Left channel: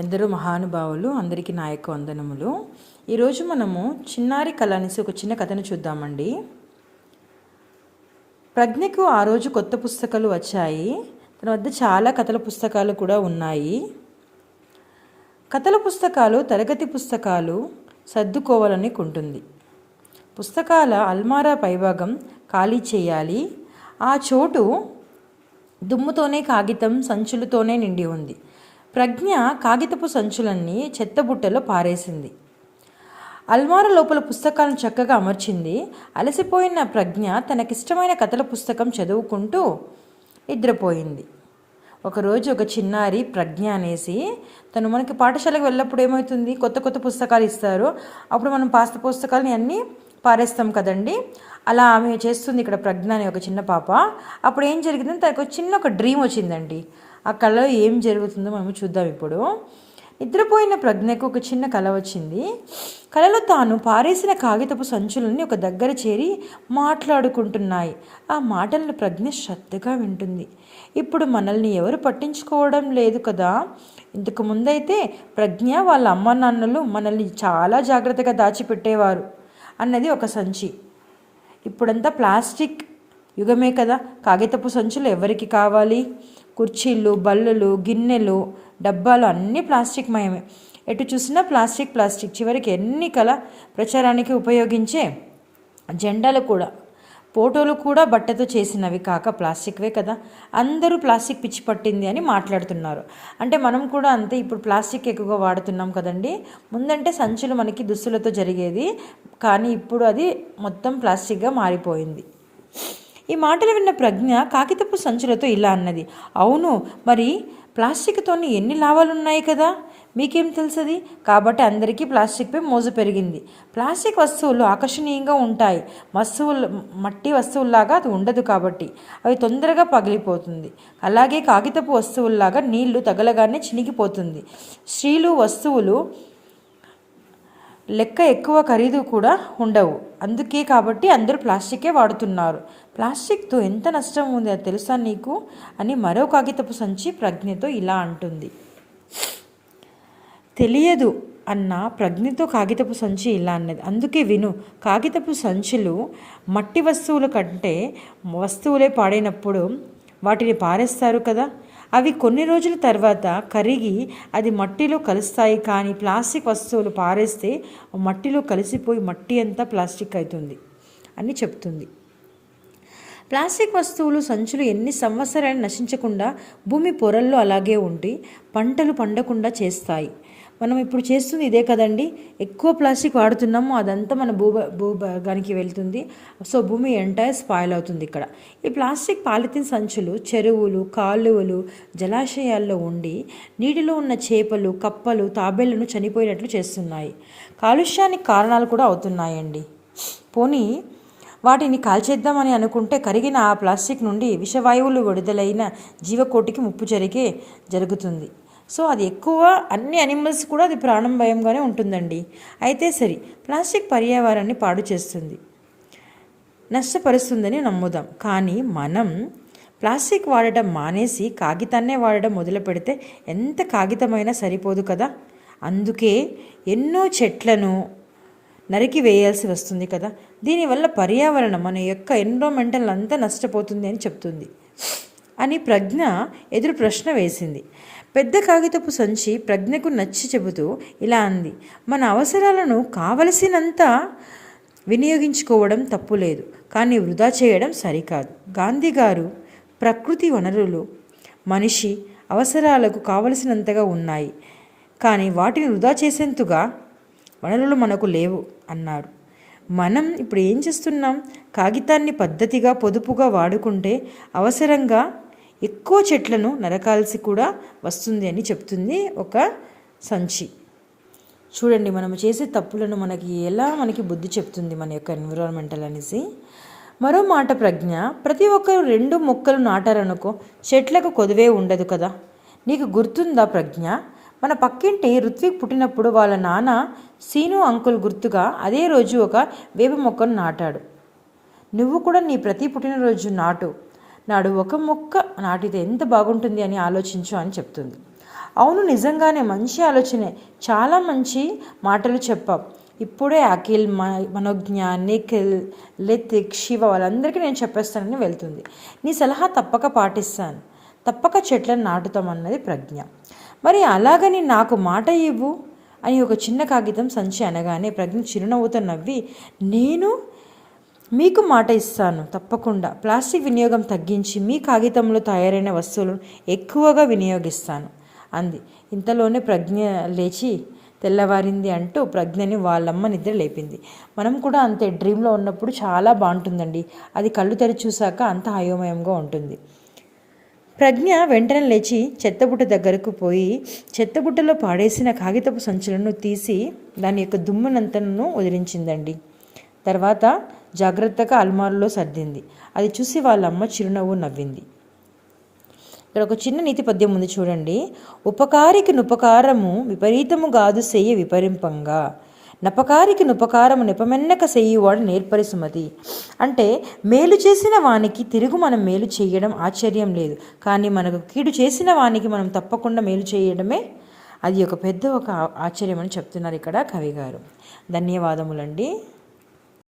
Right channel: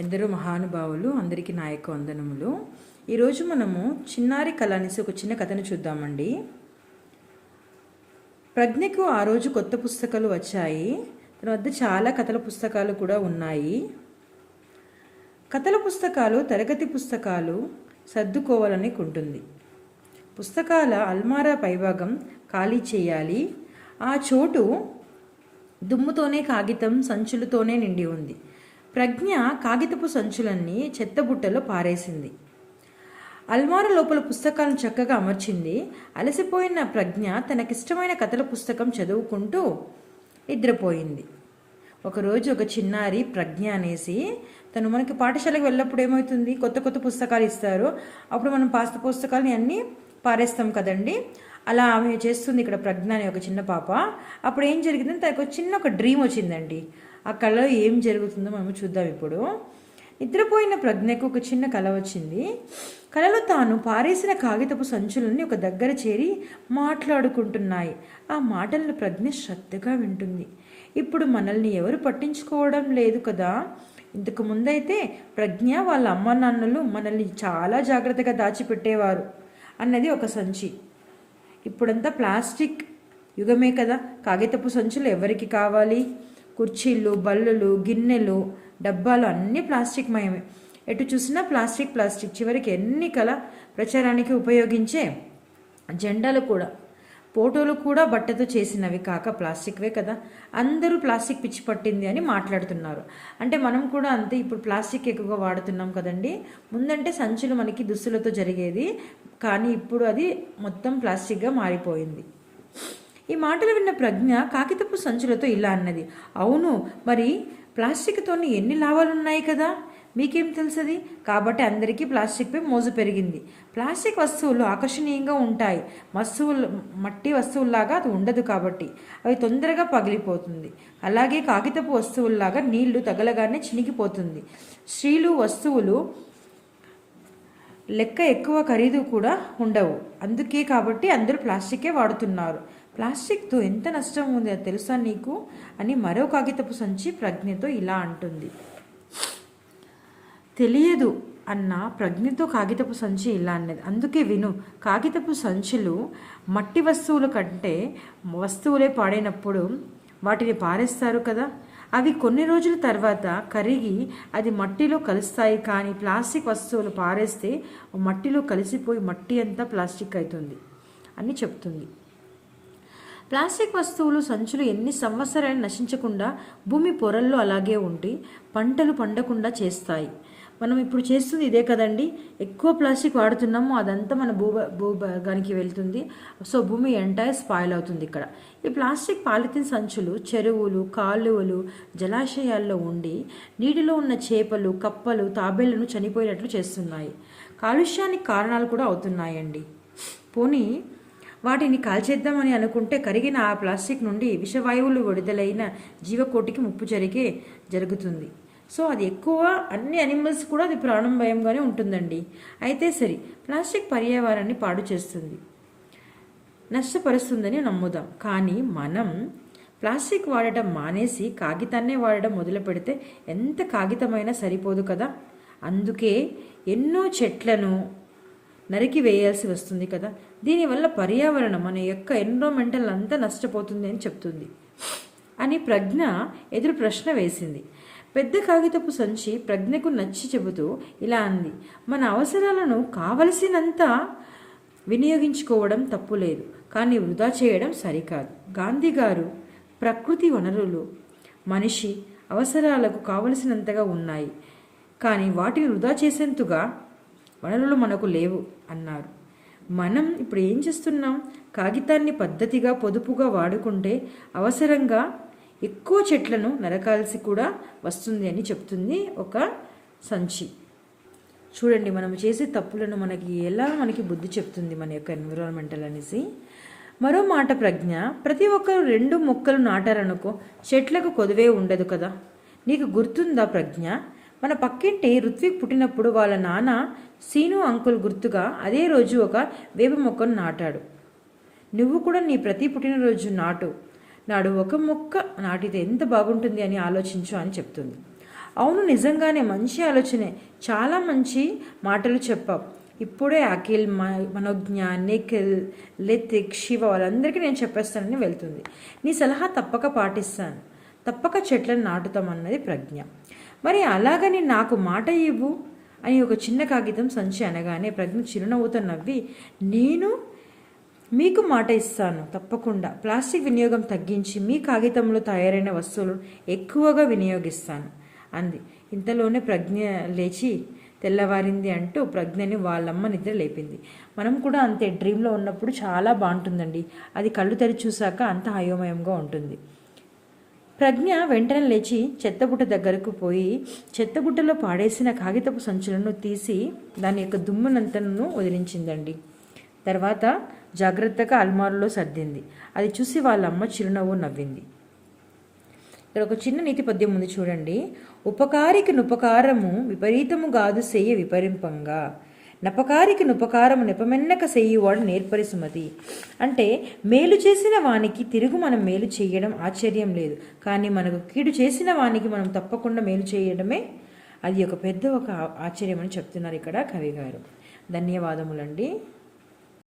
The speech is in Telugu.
ఎందరో మహానుభావులు అందరికీ నా యొక్క వందనములు. ఈరోజు మనము చిన్నారి కళ అనేసి ఒక చిన్న కథను చూద్దామండి. ప్రజ్ఞకు ఆ రోజు కొత్త పుస్తకాలు వచ్చాయి. తన వద్ద చాలా కథల పుస్తకాలు కూడా ఉన్నాయి. కథల పుస్తకాలు తరగతి పుస్తకాలు సర్దుకోవాలని కుంటుంది. పుస్తకాల అల్మారా పైభాగం ఖాళీ చేయాలి. ఆ చోటు దుమ్ముతోనే కాగితం సంచులతోనే నిండి ఉంది. ప్రజ్ఞ కాగితపు సంచులన్నీ చెత్తబుట్టలో పారేసింది. అల్మారా లోపల పుస్తకాలను చక్కగా అమర్చింది. అలసిపోయిన ప్రజ్ఞ తనకిష్టమైన కథల పుస్తకం చదువుకుంటూ నిద్రపోయింది. ఒకరోజు ఒక చిన్నారి ప్రజ్ఞ అనేసి తను మనకి పాఠశాలకు వెళ్ళినప్పుడు ఏమవుతుంది, కొత్త కొత్త పుస్తకాలు ఇస్తారు. అప్పుడు మనం పాత పుస్తకాలని అన్నీ పారేస్తాం కదండి. అలా ఆమె చేస్తుంది ఇక్కడ ప్రజ్ఞ అనే ఒక చిన్న పాప. అప్పుడు ఏం జరిగిందంటే తనకు ఒక డ్రీమ్ వచ్చిందండి. ఆ కళలో ఏం జరుగుతుందో మనం చూద్దాం. ఇప్పుడు నిద్రపోయిన ప్రజ్ఞకు ఒక చిన్న కళ వచ్చింది. కళలో తాను పారేసిన కాగితపు సంచులన్నీ ఒక దగ్గర చేరి మాట్లాడుకుంటున్నాయి. ఆ మాటలను ప్రజ్ఞ శ్రద్ధగా వింటుంది. ఇప్పుడు మనల్ని ఎవరు పట్టించుకోవడం లేదు కదా. ఇంతకు ముందైతే ప్రజ్ఞ వాళ్ళ అమ్మ నాన్నలు మనల్ని చాలా జాగ్రత్తగా దాచిపెట్టేవారు అన్నది ఒక సంచి. ఇప్పుడంతా ప్లాస్టిక్ యుగమే కదా. కాగితపు సంచులు ఎవరికి కావాలి? కుర్చీలు, బల్లలు, గిన్నెలు, డబ్బాలు అన్నీ ప్లాస్టిక్ మయమే. ఎటు చూసినా ప్లాస్టిక్ ప్లాస్టిక్. చివరికి ఎన్నికల ప్రచారానికి ఉపయోగించే జెండాలు కూడా, ఫోటోలు కూడా బట్టతో చేసినవి కాక ప్లాస్టిక్వే కదా. అందరూ ప్లాస్టిక్ పిచ్చి పట్టింది అని మాట్లాడుతున్నారు. అంటే మనం కూడా అంతే. ఇప్పుడు ప్లాస్టిక్ ఎక్కువగా వాడుతున్నాం కదండి. ముందంటే సంచులు మనకి దుస్తులతో జరిగేది, కానీ ఇప్పుడు అది మొత్తం ప్లాస్టిక్గా మారిపోయింది. ఈ మాటలు విన్న ప్రజ్ఞ కాగితపు సంచులతో ఇలా అన్నది, అవును, మరి ప్లాస్టిక్తో ఎన్ని లాభాలున్నాయి కదా, మీకేం తెలుసది? కాబట్టి అందరికీ ప్లాస్టిక్పై మోజు పెరిగింది. ప్లాస్టిక్ వస్తువులు ఆకర్షణీయంగా ఉంటాయి. మట్టి వస్తువుల్లాగా అది ఉండదు కాబట్టి అవి తొందరగా పగిలిపోతుంది. అలాగే కాగితపు వస్తువుల్లాగా నీళ్లు తగలగానే చినిగిపోతుంది. స్త్రీలు వస్తువులు లెక్క ఎక్కువ ఖరీదు కూడా ఉండవు. అందుకే కాబట్టి అందరూ ప్లాస్టికే వాడుతున్నారు. ప్లాస్టిక్తో ఎంత నష్టం ఉంది అది తెలుసా నీకు అని మరో కాగితపు సంచి ప్రజ్ఞతో ఇలా అంటుంది. తెలియదు అన్న ప్రజ్ఞతో కాగితపు సంచి ఇలా అన్నది, అందుకే విను. కాగితపు సంచులు మట్టి వస్తువుల కంటే వస్తువులే పాడైనప్పుడు వాటిని పారేస్తారు కదా. అవి కొన్ని రోజుల తర్వాత కరిగి అది మట్టిలో కలుస్తాయి. కానీ ప్లాస్టిక్ వస్తువులు పారేస్తే మట్టిలో కలిసిపోయి మట్టి అంతా ప్లాస్టిక్ అవుతుంది అని చెప్తుంది. ప్లాస్టిక్ వస్తువులు సంచులు ఎన్ని సంవత్సరాలు నశించకుండా భూమి పొరల్లో అలాగే ఉండి పంటలు పండకుండా చేస్తాయి. మనం ఇప్పుడు చేస్తుంది ఇదే కదండి. ఎక్కువ ప్లాస్టిక్ వాడుతున్నాము, అదంతా మన భూభాగానికి వెళ్తుంది. సో భూమి ఎంటైర్ స్పాయిల్ అవుతుంది. ఇక్కడ ఈ ప్లాస్టిక్ పాలిథిన్ సంచులు చెరువులు, కాలువలు, జలాశయాల్లో ఉండి నీటిలో ఉన్న చేపలు, కప్పలు, తాబేళ్లను చనిపోయినట్లు చేస్తున్నాయి. కాలుష్యానికి కారణాలు కూడా అవుతున్నాయండి. పోనీ వాటిని కాల్చేద్దామని అనుకుంటే కరిగిన ఆ ప్లాస్టిక్ నుండి విషవాయువులు విడుదలైన జీవకోటికి ముప్పు జరుగుతుంది. సో అది ఎక్కువ అన్ని అనిమల్స్ కూడా అది ప్రాణం భయంగానే ఉంటుందండి. అయితే సరే, ప్లాస్టిక్ పర్యావరణాన్ని పాడు చేస్తుంది, నష్టపరుస్తుందని నమ్ముదాం. కానీ మనం ప్లాస్టిక్ వాడటం మానేసి కాగితాన్నే వాడడం మొదలు పెడితే ఎంత కాగితమైనా సరిపోదు కదా. అందుకే ఎన్నో చెట్లను నరికి వేయాల్సి వస్తుంది కదా. దీనివల్ల పర్యావరణం, మన యొక్క ఎన్విరాన్మెంటల్ అంతా నష్టపోతుంది అని చెప్తుంది అని ప్రజ్ఞ ఎదురు ప్రశ్న వేసింది. పెద్ద కాగితపు సంచి ప్రజ్ఞకు నచ్చి చెబుతూ ఇలా అంది, మన అవసరాలను కావలసినంత వినియోగించుకోవడం తప్పులేదు, కానీ వృధా చేయడం సరికాదు. గాంధీ గారు ప్రకృతి వనరులు మనిషి అవసరాలకు కావలసినంతగా ఉన్నాయి, కానీ వాటిని వృధా చేసేంతగా వనరులు మనకు లేవు అన్నారు. మనం ఇప్పుడు ఏం చేస్తున్నాం? కాగితాన్ని పద్ధతిగా పొదుపుగా వాడుకుంటే అవసరంగా ఎక్కువ చెట్లను నరకాల్సి కూడా వస్తుంది అని చెప్తుంది ఒక సంచి. చూడండి, మనం చేసే తప్పులను మనకి బుద్ధి చెప్తుంది మన యొక్క ఎన్విరాన్మెంటల్ అనేసి. మరో మాట ప్రజ్ఞ, ప్రతి ఒక్కరు 2 మొక్కలు నాటారనుకో, చెట్లకు కొదువే ఉండదు కదా. నీకు గుర్తుందా ప్రజ్ఞ, మన పక్కింటి ఋత్విక్ పుట్టినప్పుడు వాళ్ళ నాన్న సీను అంకుల్ గుర్తుగా అదే రోజు ఒక వేప మొక్కను నాటాడు. నువ్వు కూడా నీ ప్రతి పుట్టినరోజు నాడు ఒక మొక్క నాటితే ఎంత బాగుంటుంది అని ఆలోచించు అని చెప్తుంది. అవును, నిజంగానే మంచి ఆలోచనే. చాలా మంచి మాటలు చెప్పావు. ఇప్పుడే అఖిల్, మనోజ్ఞ, నిఖిల్, లితిక్, శివ వాళ్ళందరికీ నేను చెప్పేస్తానని వెళ్తుంది. నీ సలహా తప్పక పాటిస్తాను. తప్పక చెట్లను నాటుతామన్నది ప్రజ్ఞ. మరి అలాగని నాకు మాట ఇవ్వు అని ఒక చిన్న కాగితం సంచి అనగానే ప్రజ్ఞ చిరునవ్వుతో నవ్వి, నేను మీకు మాట ఇస్తాను తప్పకుండా. ప్లాస్టిక్ వినియోగం తగ్గించి మీ కాగితంలో తయారైన వస్తువులను ఎక్కువగా వినియోగిస్తాను అంది. ఇంతలోనే ప్రజ్ఞ లేచి తెల్లవారింది అంటూ ప్రజ్ఞని వాళ్ళమ్మ నిద్ర లేపింది. మనం కూడా అంతే, డ్రీమ్లో ఉన్నప్పుడు చాలా బాగుంటుందండి. అది కళ్ళు తెరిచి చూశాక అంత అయోమయంగా ఉంటుంది. ప్రజ్ఞ వెంటనే లేచి చెత్తబుట్ట దగ్గరకు పోయి చెత్తబుట్టలో పాడేసిన కాగితపు సంచులను తీసి దాని యొక్క దుమ్మునంతను వదిలించిందండి. తర్వాత జాగ్రత్తగా అల్మారులో సర్దింది. అది చూసి వాళ్ళమ్మ చిరునవ్వు నవ్వింది. ఇక్కడ ఒక చిన్న నీతి పద్యం ఉంది చూడండి. ఉపకారికి నుపకారము విపరీతము గాదు సెయ్య విపరింపంగా, నపకారికి నుపకారము నెపమెన్నక సెయ్యువాడు నేర్పరి సుమతి. అంటే మేలు చేసిన వానికి తిరుగు మనం మేలు చేయడం ఆశ్చర్యం లేదు, కానీ మనకు కీడు చేసిన వానికి మనం తప్పకుండా మేలు చేయడమే అది ఒక పెద్ద ఆశ్చర్యం అని చెప్తున్నారు ఇక్కడ కవి గారు. ధన్యవాదములండి.